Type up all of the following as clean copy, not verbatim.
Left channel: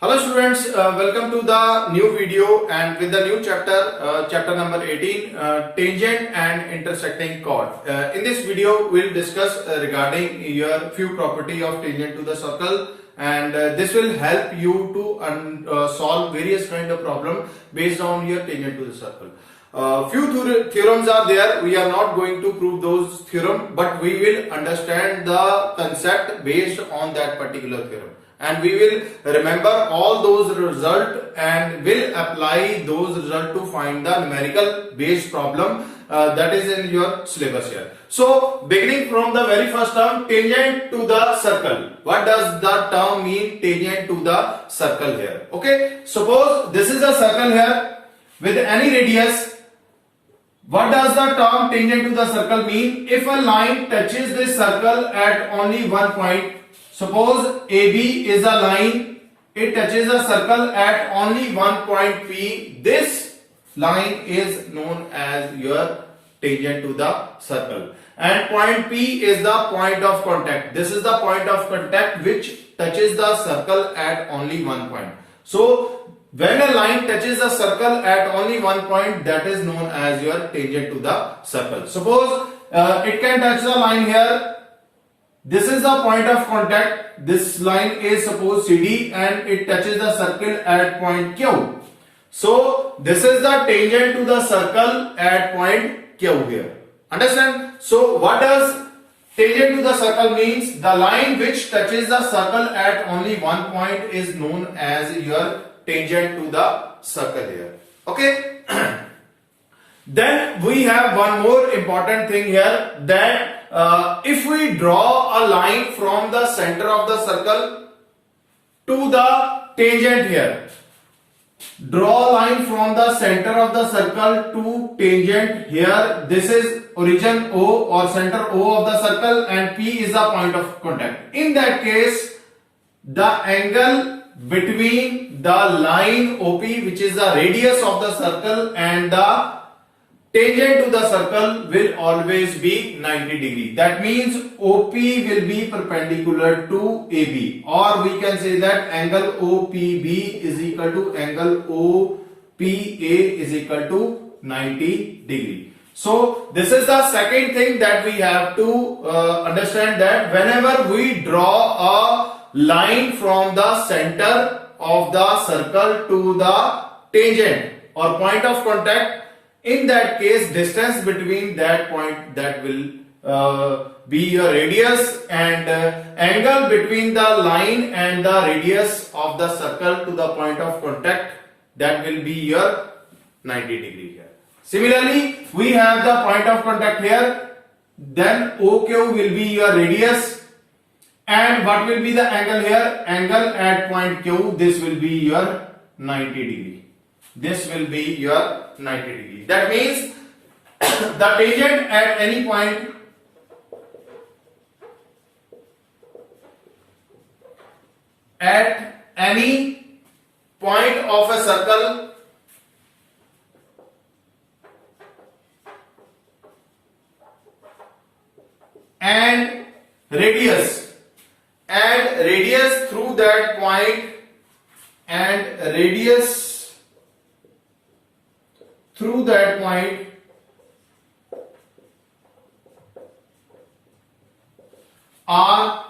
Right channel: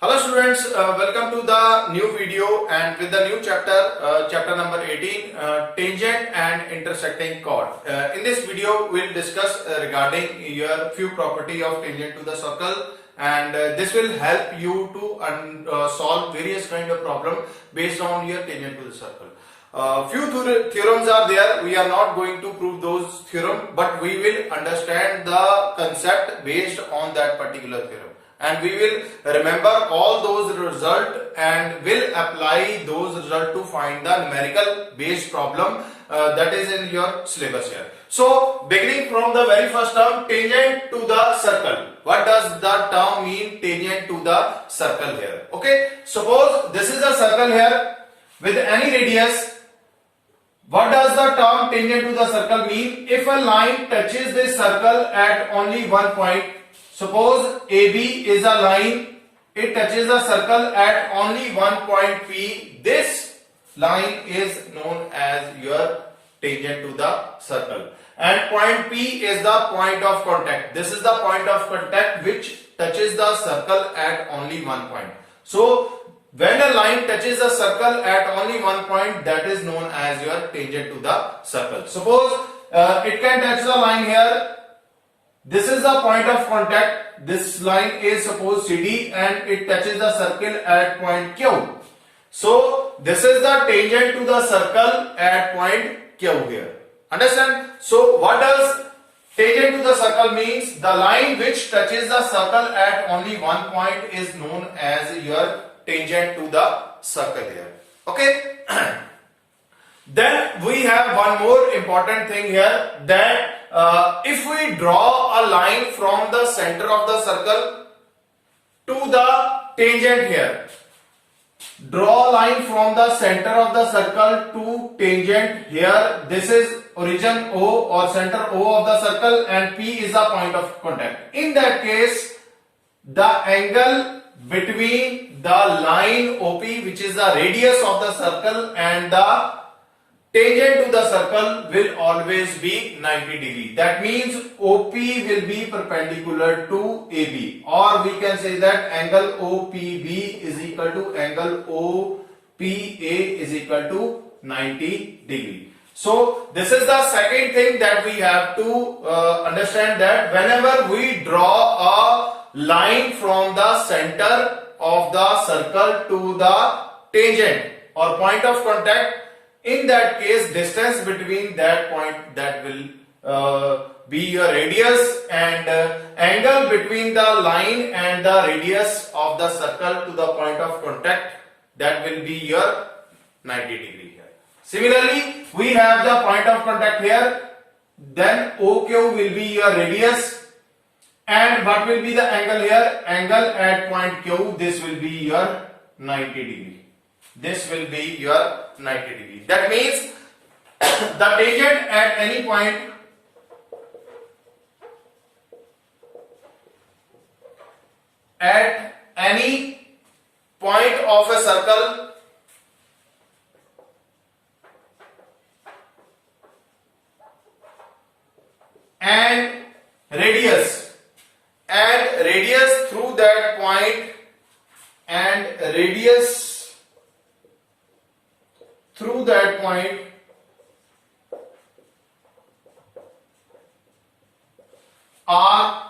Hello students, welcome to the new video and with the new chapter, chapter number 18, tangent and intersecting chord. In this video, we'll discuss regarding your few property of tangent to the circle, and this will help you to solve various kind of problem based on your tangent to the circle. Few theorems are there. We are not going to prove those theorem, but we will understand the concept based on that particular theorem. And we will remember all those results and will apply those results to find the numerical based problem that is in your syllabus here. So beginning from the very first term, tangent to the circle. What does the term mean, tangent to the circle here? Okay, suppose this is a circle here with any radius. What does the term tangent to the circle mean? If a line touches this circle at only one point, suppose AB is a line, it touches a circle at only one point P. This line is known as your tangent to the circle. And point P is the point of contact. This is the point of contact which touches the circle at only one point. So when a line touches the circle at only one point, that is known as your tangent to the circle. Suppose it can touch the line here. This is the point of contact. This line is suppose CD and it touches the circle at point Q. So this is the tangent to the circle at point Q here. Understand? So what does tangent to the circle means? The line which touches the circle at only one point is known as your tangent to the circle here. Okay. Then we have one more important thing here, that if we draw a line from the center of the circle to the tangent here, draw a line from the center of the circle to tangent here. This is origin O or center O of the circle, and P is the point of contact. In that case, the angle between the line OP, which is the radius of the circle, and the tangent to the circle will always be 90 degree. That means OP will be perpendicular to AB, or we can say that angle OPB is equal to angle OPA is equal to 90 degree. So this is the second thing that we have to understand, that whenever we draw a line from the center of the circle to the tangent or point of contact, in that case distance between that point, that will be your radius, and angle between the line and the radius of the circle to the point of contact, that will be your 90 degree here. Similarly, we have the point of contact here, then OQ will be your radius, and what will be the angle here? Angle at point Q, this will be your 90 degree. This will be your 90 degree. That means the tangent at any point of a circle and radius through that point and radius through that point are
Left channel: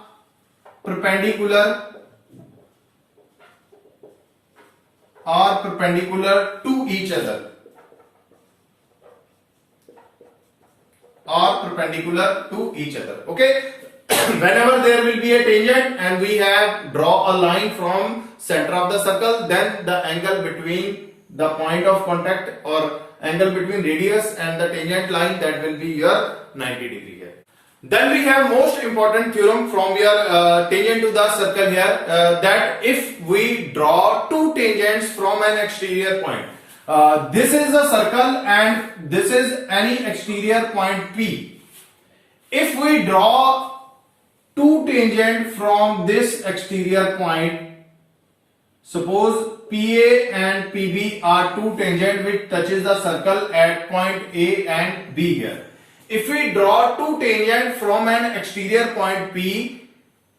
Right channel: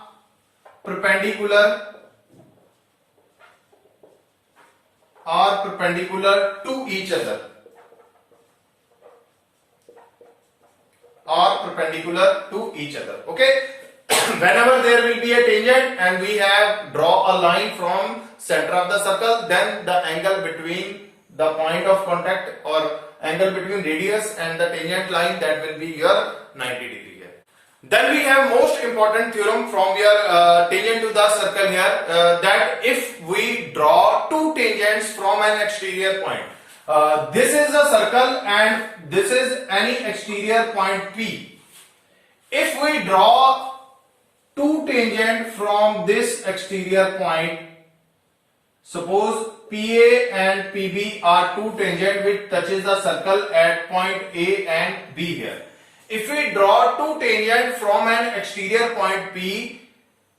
perpendicular to each other, okay. Whenever there will be a tangent and we have draw a line from center of the circle, then the angle between the point of contact or angle between radius and the tangent line, that will be your 90 degree here. Then we have most important theorem from your tangent to the circle here, that if we draw two tangents from an exterior point, this is a circle and this is any exterior point P. If we draw two tangent from this exterior point, suppose PA and PB are two tangent which touches the circle at point A and B here. If we draw two tangent from an exterior point P,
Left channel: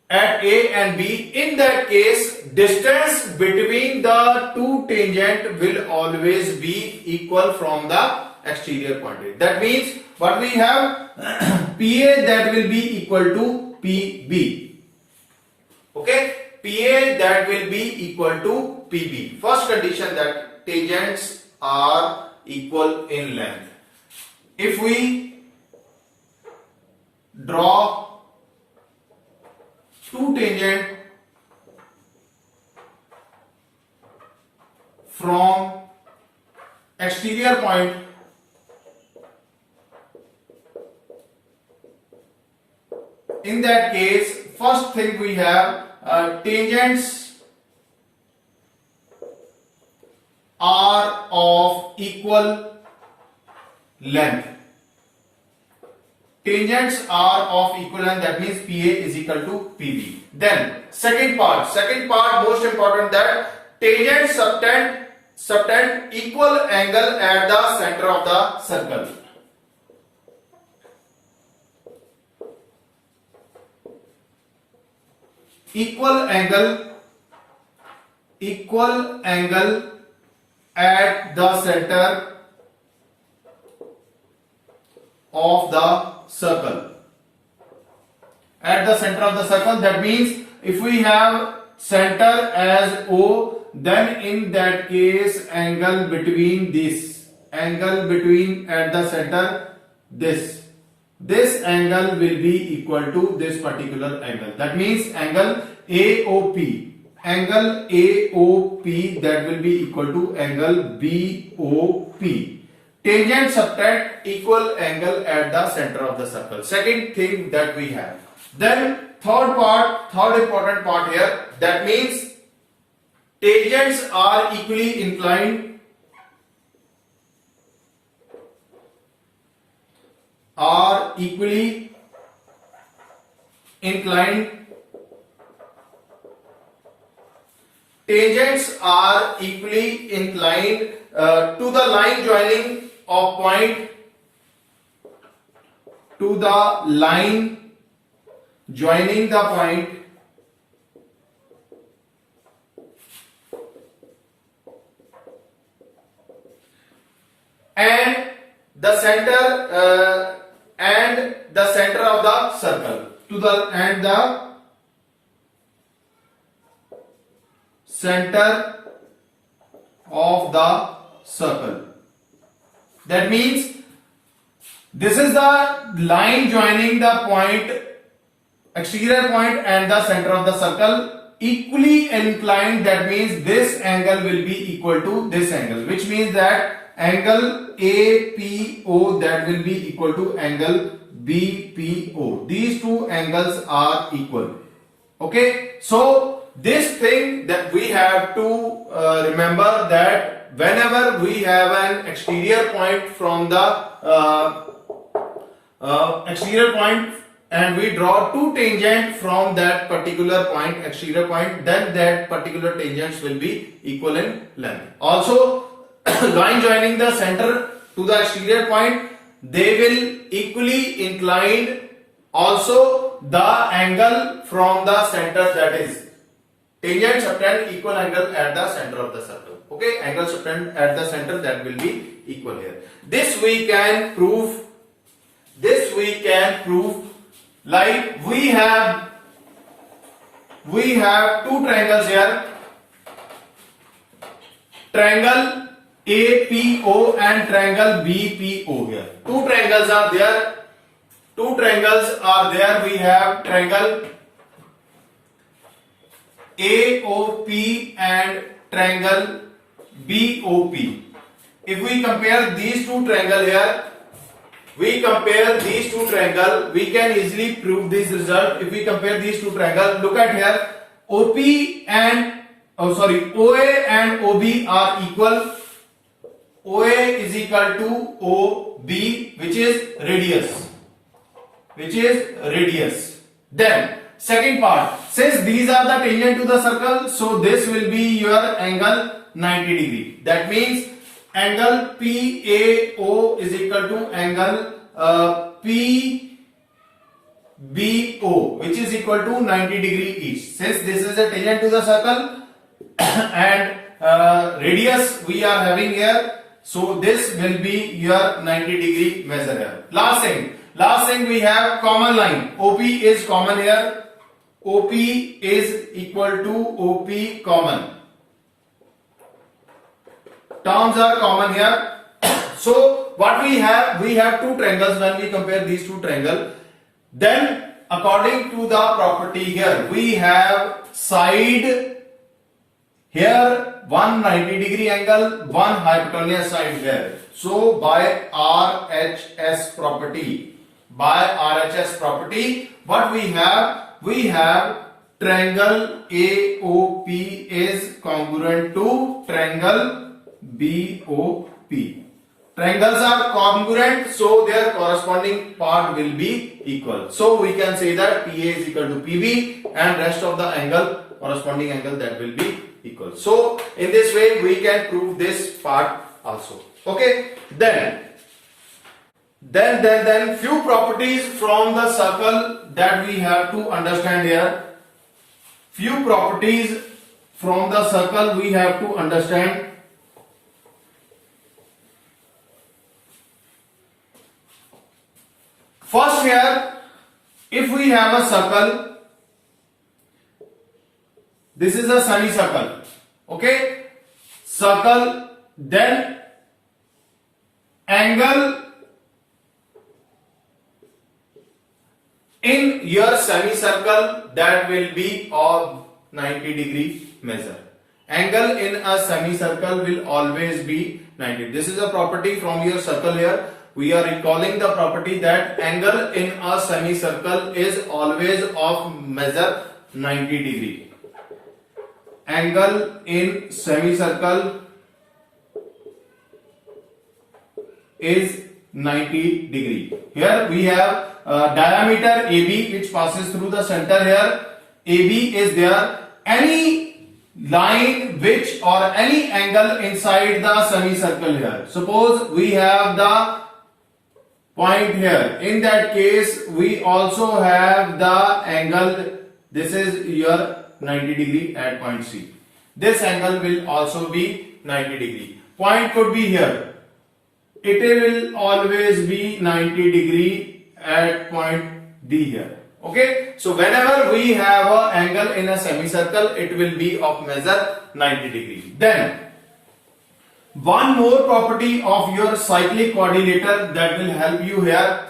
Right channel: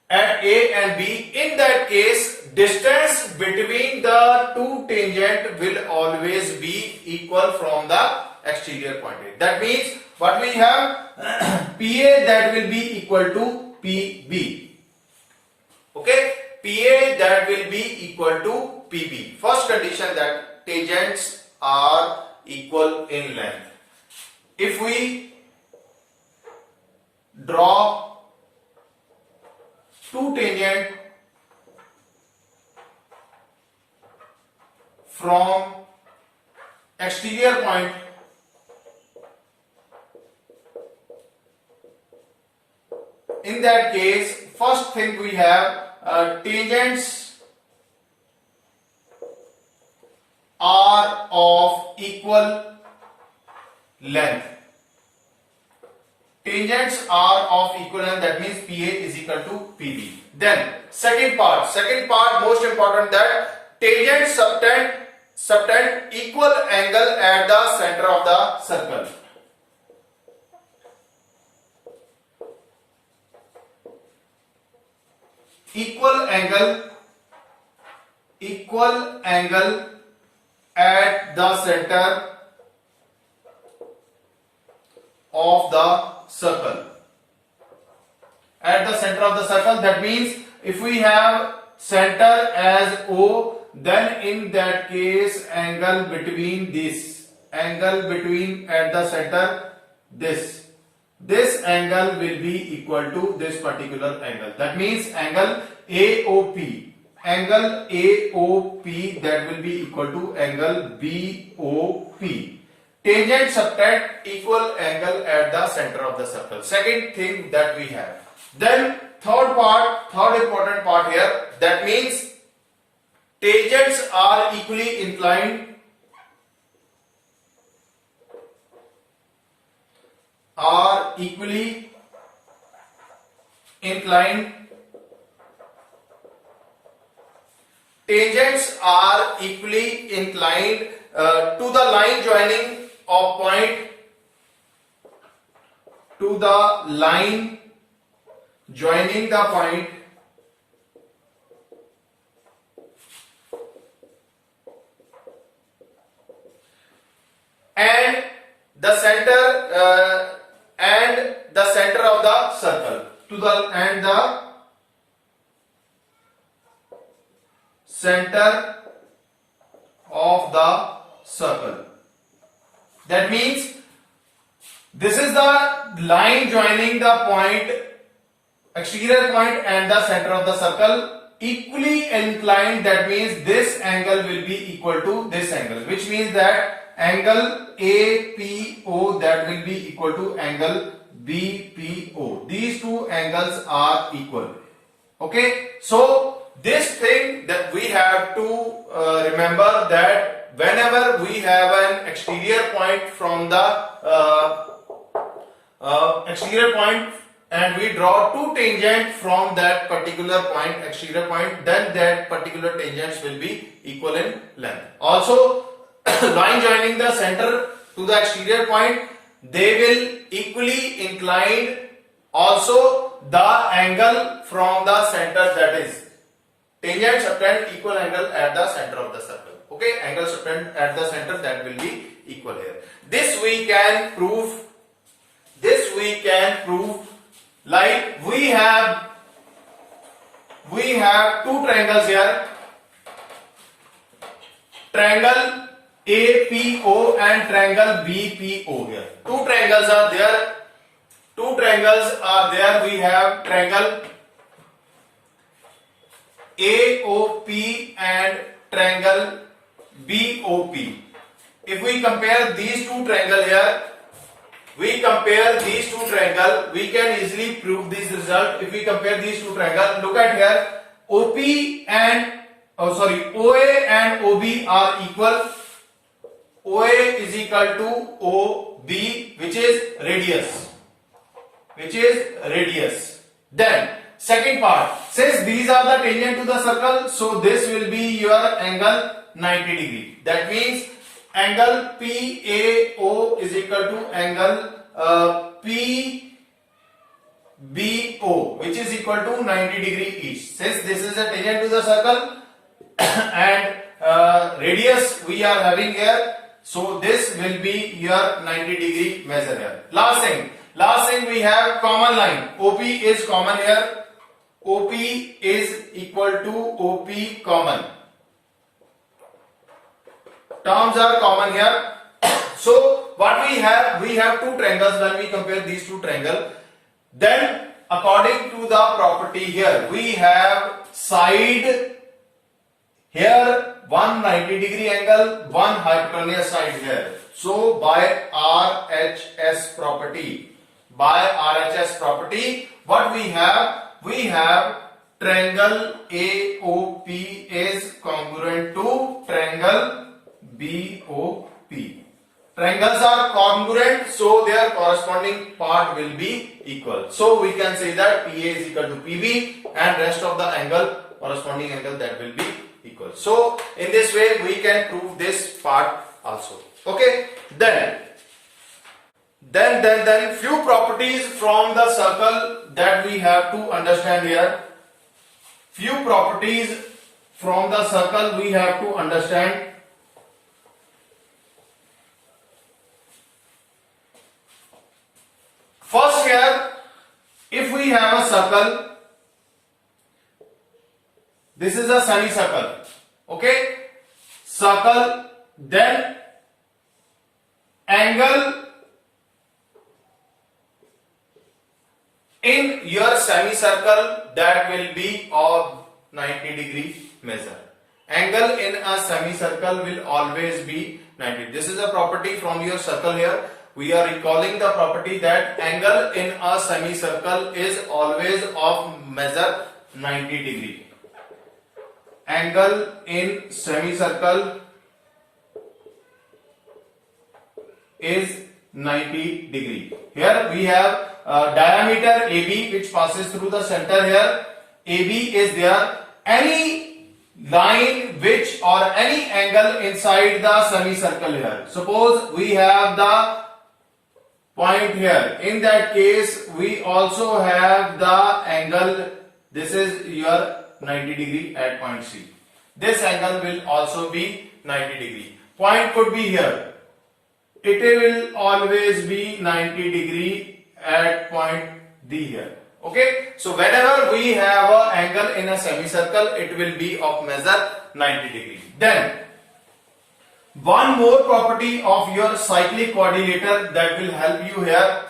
at A and B. In that case, distance between the two tangent will always be equal from the exterior point. That means what we have PA that will be equal to PB. Okay, PA that will be equal to PB. First condition that tangents are equal in length. If we draw two tangent from exterior point, in that case, first thing we have tangents are of equal length. Tangents are of equal length, that means PA is equal to PB. Then second part most important, that tangents subtend equal angle at the center of the circle. Equal angle at the center of the circle. At the center of the circle, that means if we have center as O, then in that case angle between at the center, this angle will be equal to this particular angle. That means angle AOP that will be equal to angle BOP. Tangent subtract equal angle at the center of the circle. Second thing that we have. Then third important part here, that means tangents are equally inclined tangents are equally inclined to the line joining of point, to the line joining the point and the center of the circle, to the center of the circle. That means this is the line joining the point, exterior point and the center of the circle, equally inclined. That means this angle will be equal to this angle, which means that angle APO that will be equal to angle BPO. These two angles are equal. Okay, so this thing that we have to remember, that whenever we have an exterior point from the exterior point and we draw two tangent from that particular point, exterior point, then that particular tangents will be equal in length. Also, line joining the center to the exterior point, they will equally inclined. Also, the angle from the center, that is tangent subtend equal angle at the center of the circle. Okay, angle subtend at the center, that will be equal here. This we can prove. Like we have two triangles here, triangle APO and triangle BPO here. Two triangles are there. We have triangle AOP and triangle BOP. If we compare these two triangles here, we can easily prove this result. If we compare these two triangles, look at here, OA and OB are equal. OA is equal to OB, which is radius. Then second part, since these are the tangent to the circle, so this will be your angle 90 degree. That means angle PAO is equal to angle BO, which is equal to 90 degree each. Since this is a tangent to the circle and radius we are having here, so this will be your 90 degree measure here. Last thing we have common line. OP is common here. OP is equal to OP common. Terms are common here. So what we have two triangles. When we compare these two triangles, then according to the property here, we have side here 190 degree angle, one hypotenuse side here. So by RHS property, what we have? We have triangle AOP is congruent to triangle BOP. Triangles are congruent, so their corresponding part will be equal. So we can say that PA is equal to PB and rest of the angle, corresponding angle, that will be equal. So in this way we can prove this part also. Okay, then few properties from the circle that we have to understand here. Few properties from the circle we have to understand. First here, if we have a circle, this is a semicircle, okay, circle, then angle in your semicircle, that will be of 90 degree measure. Angle in a semicircle will always be 90. This is a property from your circle here. We are recalling the property that angle in a semicircle is always of measure 90 degree. Angle in semicircle is 90 degree. Here we have diameter AB which passes through the center here. AB is there. Any line which or any angle inside the semicircle here. Suppose we have the point here. In that case, we also have the angle. This is your 90 degree at point C. This angle will also be 90 degree. Point could be here. It will always be 90 degree at point D here. Okay. So whenever we have an angle in a semicircle, it will be of measure 90 degree. Then one more property of your cyclic quadrilateral that will help you here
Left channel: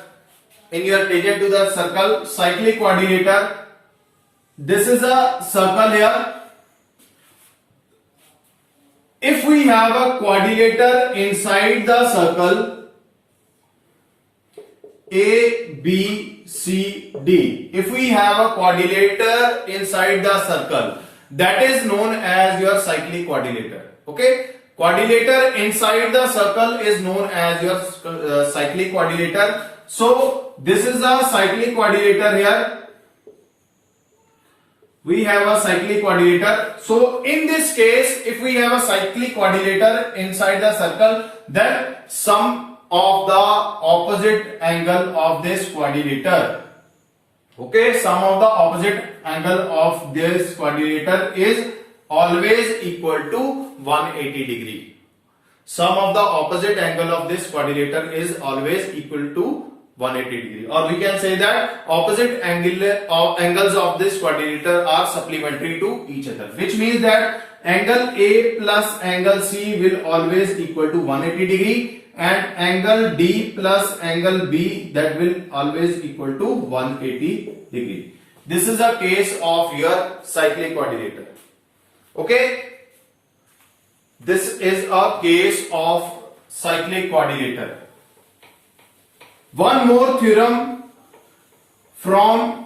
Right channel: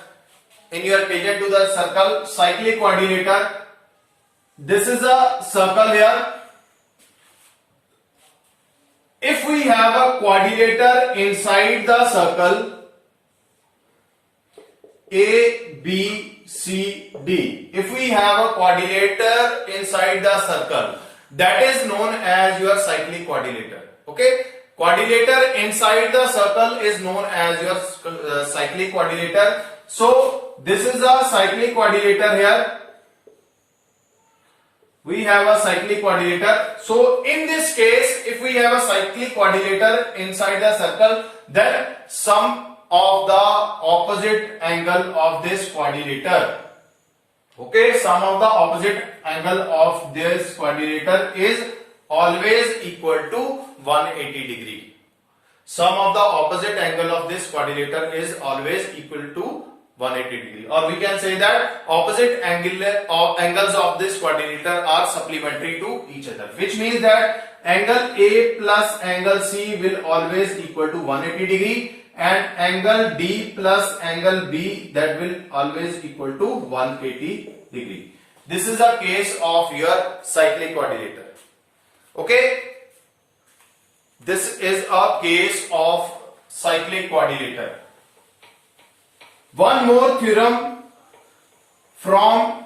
in your tangent to the circle. Cyclic quadrilateral. This is a circle here. If we have a quadrilateral inside the circle A, B, C, D. If we have a quadrilateral inside the circle, that is known as your cyclic quadrilateral. Okay. Quadrilateral inside the circle is known as your cyclic quadrilateral. So this is a cyclic quadrilateral here. We have a cyclic quadrilateral. So in this case, if we have a cyclic quadrilateral inside the circle, then sum of the opposite angle of this quadrilateral. Okay, sum of the opposite angle of this quadrilateral is always equal to 180 degree. Sum of the opposite angle of this quadrilateral is always equal to 180 degree. Or we can say that opposite angles of this quadrilateral are supplementary to each other. Which means that angle A plus angle C will always equal to 180 degree. And angle D plus angle B, that will always equal to 180 degree. This is a case of your cyclic quadrilateral. Okay, this is a case of cyclic quadrilateral. One more theorem from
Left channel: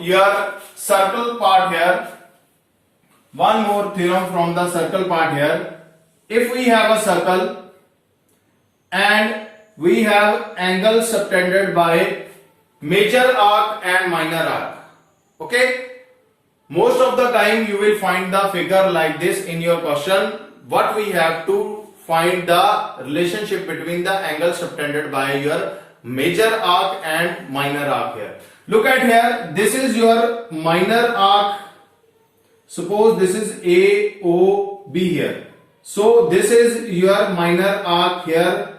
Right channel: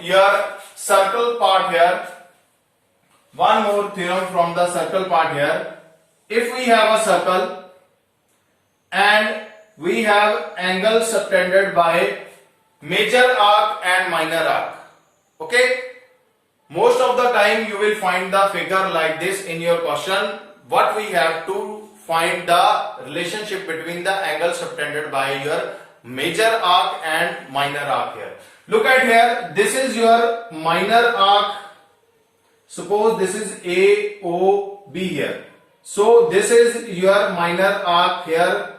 your circle part here. One more theorem from the circle part here. If we have a circle and we have angles subtended by major arc and minor arc. Okay. Most of the time you will find the figure like this in your question. What we have to find the relationship between the angle subtended by your major arc and minor arc here. Look at here, this is your minor arc. Suppose this is AOB here. So this is your minor arc here,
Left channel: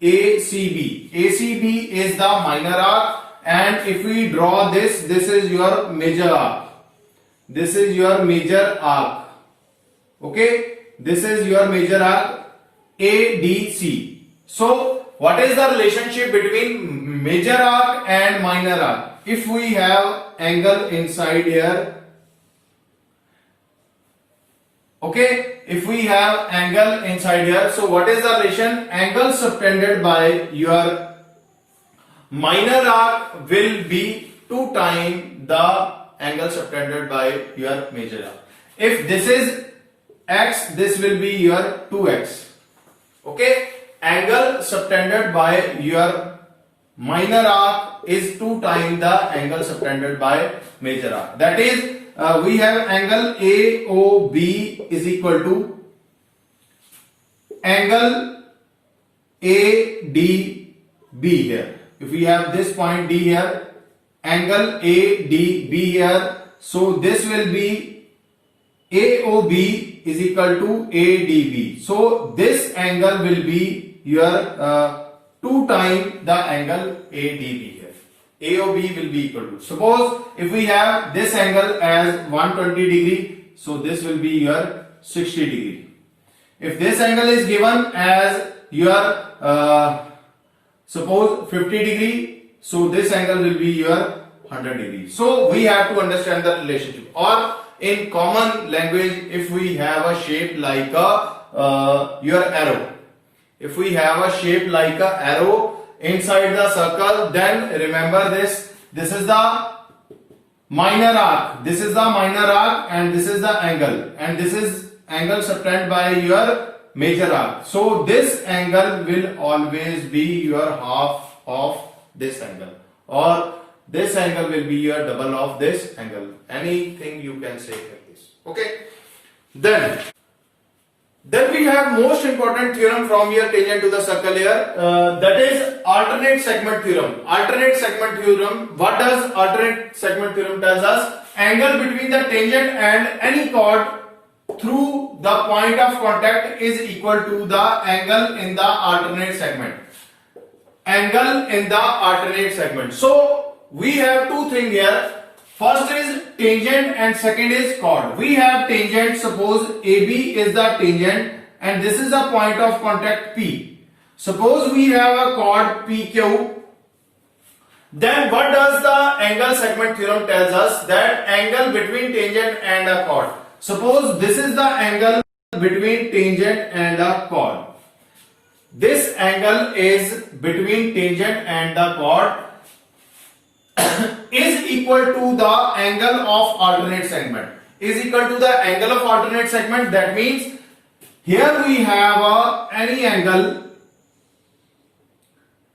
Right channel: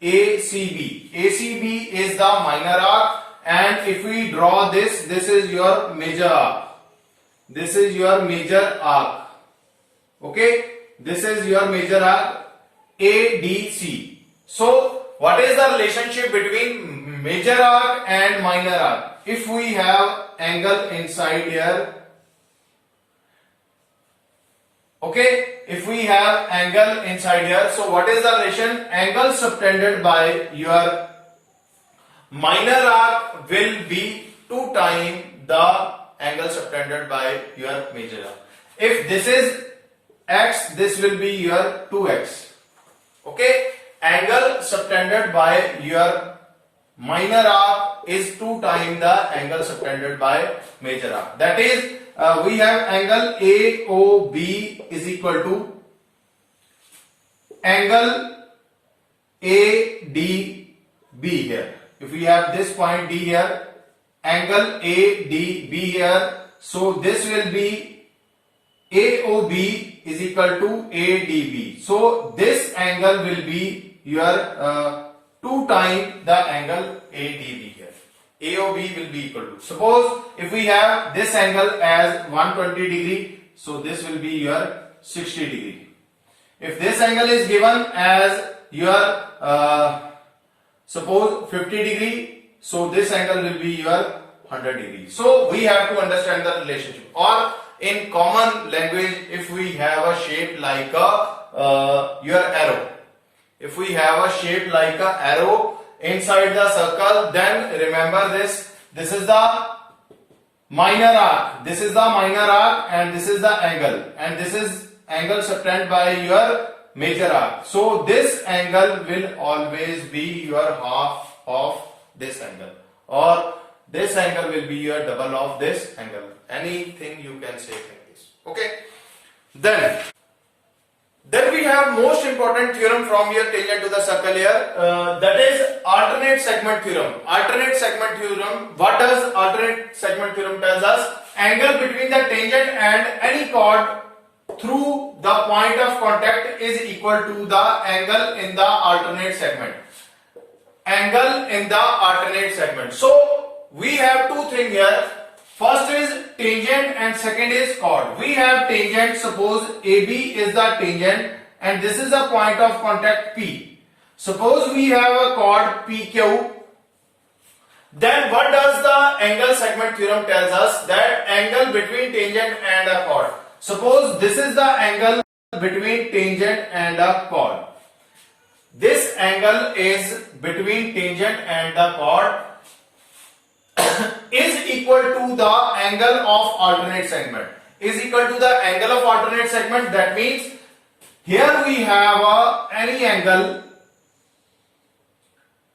ACB. ACB is the minor arc, and if we draw this is your major arc. This is your major arc. Okay, this is your major arc ADC. So what is the relationship between major arc and minor arc? If we have angle inside here, okay, if we have angle inside here, so what is the relation? Angle subtended by your minor arc will be 2 times the angle subtended by your major arc. If this is x, this will be your 2x. Okay, angle subtended by your minor arc is 2 times the angle subtended by major arc. That is, we have angle AOB is equal to angle ADB here. If we have this point D here, angle ADB here, so this will be AOB is equal to ADB. So this angle will be your 2 times the angle ADB here. AOB will be equal to, suppose if we have this angle as 120 degree, so this will be your 60 degree. If this angle is given as your suppose 50 degree, so this angle will be your 100 degree. So we have to understand the relationship, or in common language, if we have a shape like a your arrow, if we have a shape like a arrow inside the circle, then remember this is the minor arc, this is the minor arc, and this is the angle, and this is angle subtended by your major arc. So this angle will always be your half of this angle, or this angle will be your double of this angle. Anything you can say like this. Okay, then we have most important theorem from your tangent to the circle here, that is alternate segment theorem. Alternate segment theorem, what does alternate segment theorem tells us? Angle between the tangent and any chord through the point of contact is equal to the angle in the alternate segment. Angle in the alternate segment. So we have 2 things here. First is tangent and second is chord. We have tangent, suppose AB is the tangent and this is the point of contact P. Suppose we have a chord PQ. Then what does the angle segment theorem tells us? That angle between tangent and a chord. Suppose this is the angle between tangent and a chord. This angle is between tangent and the chord is equal to the angle of alternate segment. Is equal to the angle of alternate segment. That means here we have any angle.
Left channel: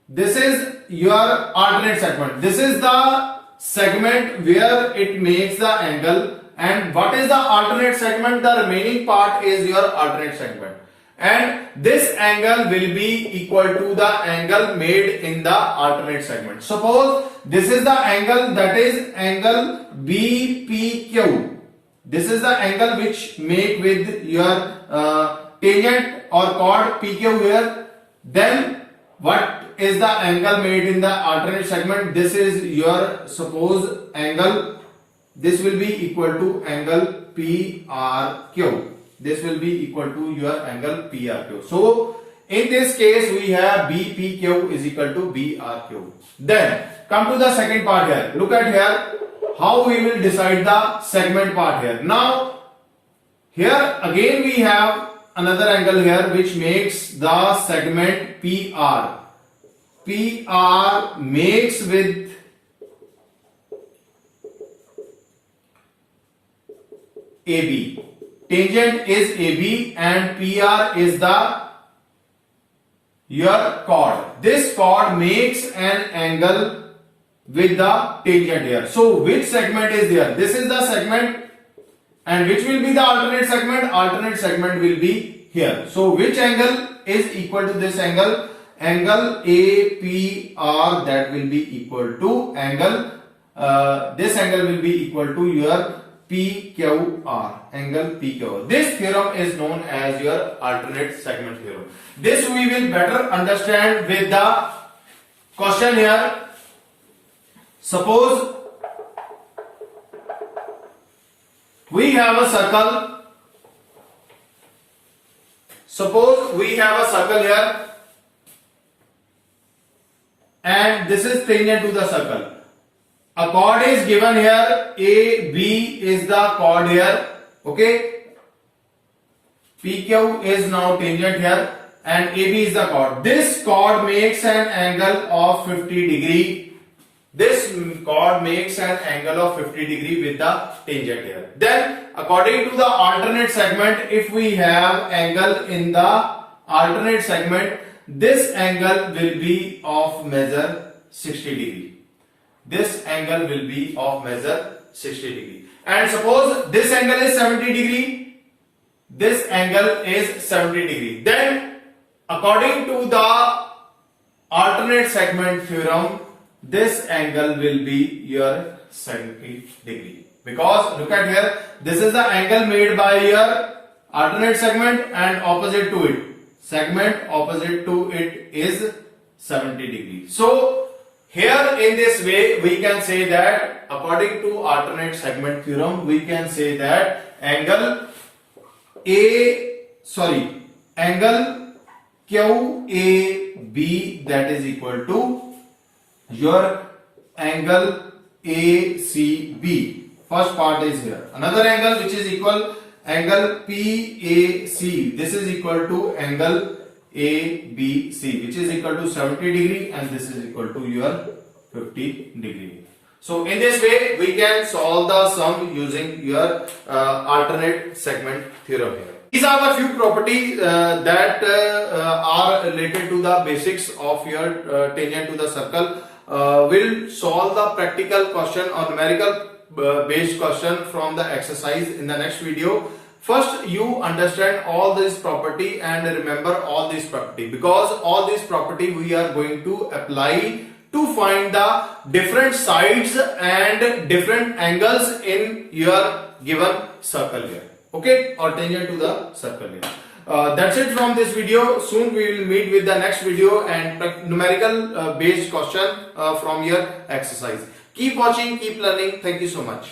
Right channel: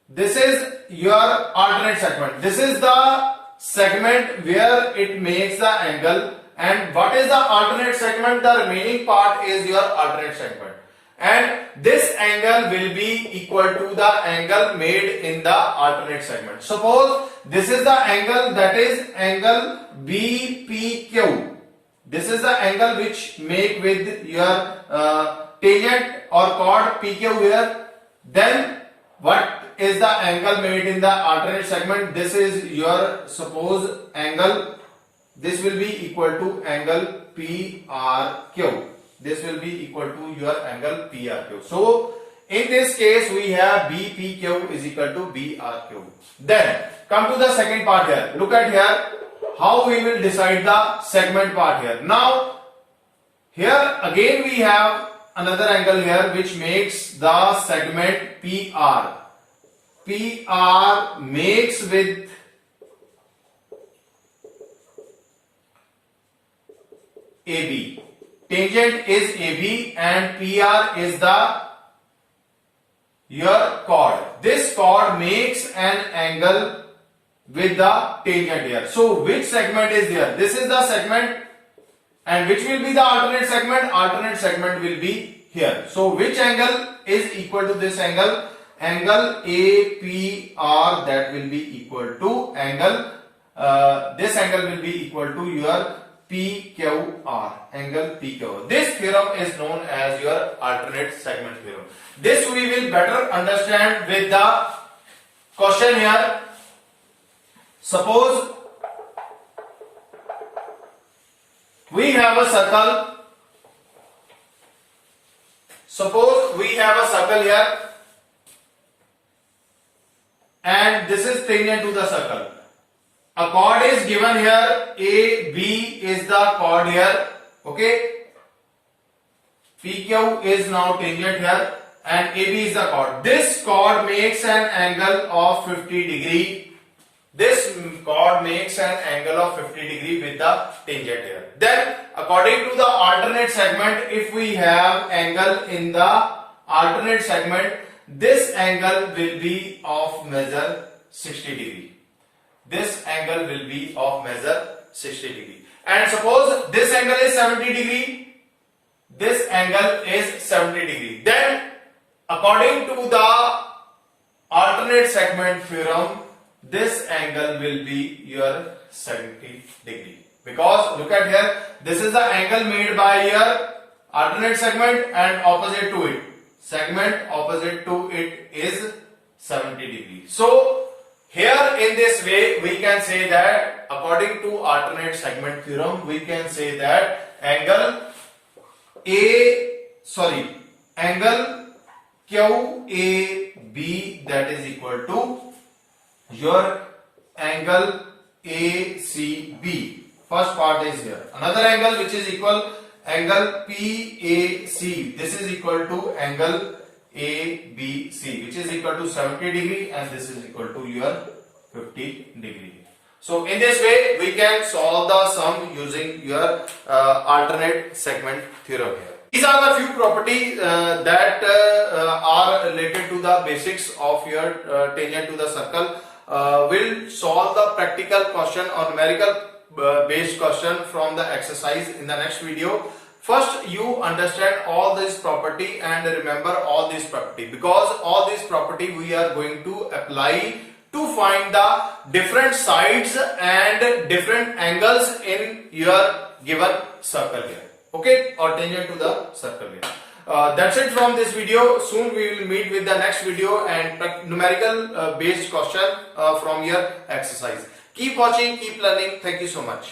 This is your alternate segment. This is the segment where it makes the angle. And what is the alternate segment? The remaining part is your alternate segment. And this angle will be equal to the angle made in the alternate segment. Suppose this is the angle, that is angle BPQ. This is the angle which make with your tangent or chord PQ here. Then what is the angle made in the alternate segment? This is your suppose angle. This will be equal to angle PRQ. This will be equal to your angle PRQ. So in this case we have BPQ is equal to BRQ. Then come to the second part here. Look at here how we will decide the segment part here. Now here again we have another angle here which makes the segment PR. PR makes with AB. Tangent is AB and PR is the your chord. This chord makes an angle with the tangent here. So which segment is there? This is the segment, and which will be the alternate segment? Alternate segment will be here. So which angle is equal to this angle APR, that will be equal to this angle will be equal to your PQR, angle PQR. This theorem is known as your alternate segment theorem. This we will better understand with the question here. Suppose we have a circle. Suppose we have a circle here, and this is tangent to the circle. A chord is given here. AB is the chord here. Okay. PQ is now tangent here, and AB is the chord. This chord makes an angle of 50 degree. This chord makes an angle of 50 degree with the tangent here. Then, according to the alternate segment, if we have angle in the alternate segment, this angle will be of measure 60 degree. This angle will be of measure 60 degree. And suppose this angle is 70 degree. This angle is 70 degree. Then, according to the alternate segment theorem, this angle will be your 70 degree. Because look at here, this is the angle made by your alternate segment, and opposite to it, segment opposite to it is 70 degree. So here in this way we can say that according to alternate segment theorem, we can say that angle QAB, that is equal to your angle ACB. First part is here. Another angle which is equal angle PAC. This is equal to angle ABC, which is equal to 70 degree, and this is equal to your 50 degree. So in this way we can solve the sum using your alternate segment theorem here. These are the few properties that are related to the basics of your tangent to the circle. We'll solve the practical question or numerical based question from the exercise in the next video. First, you understand all this property and remember all this property, because all this property we are going to apply to find the different sides and different angles in your given circle here. Okay, or tangent to the circle here. That's it from this video. Soon we will meet with the next video and numerical based question from your exercise. Keep watching, keep learning. Thank you so much.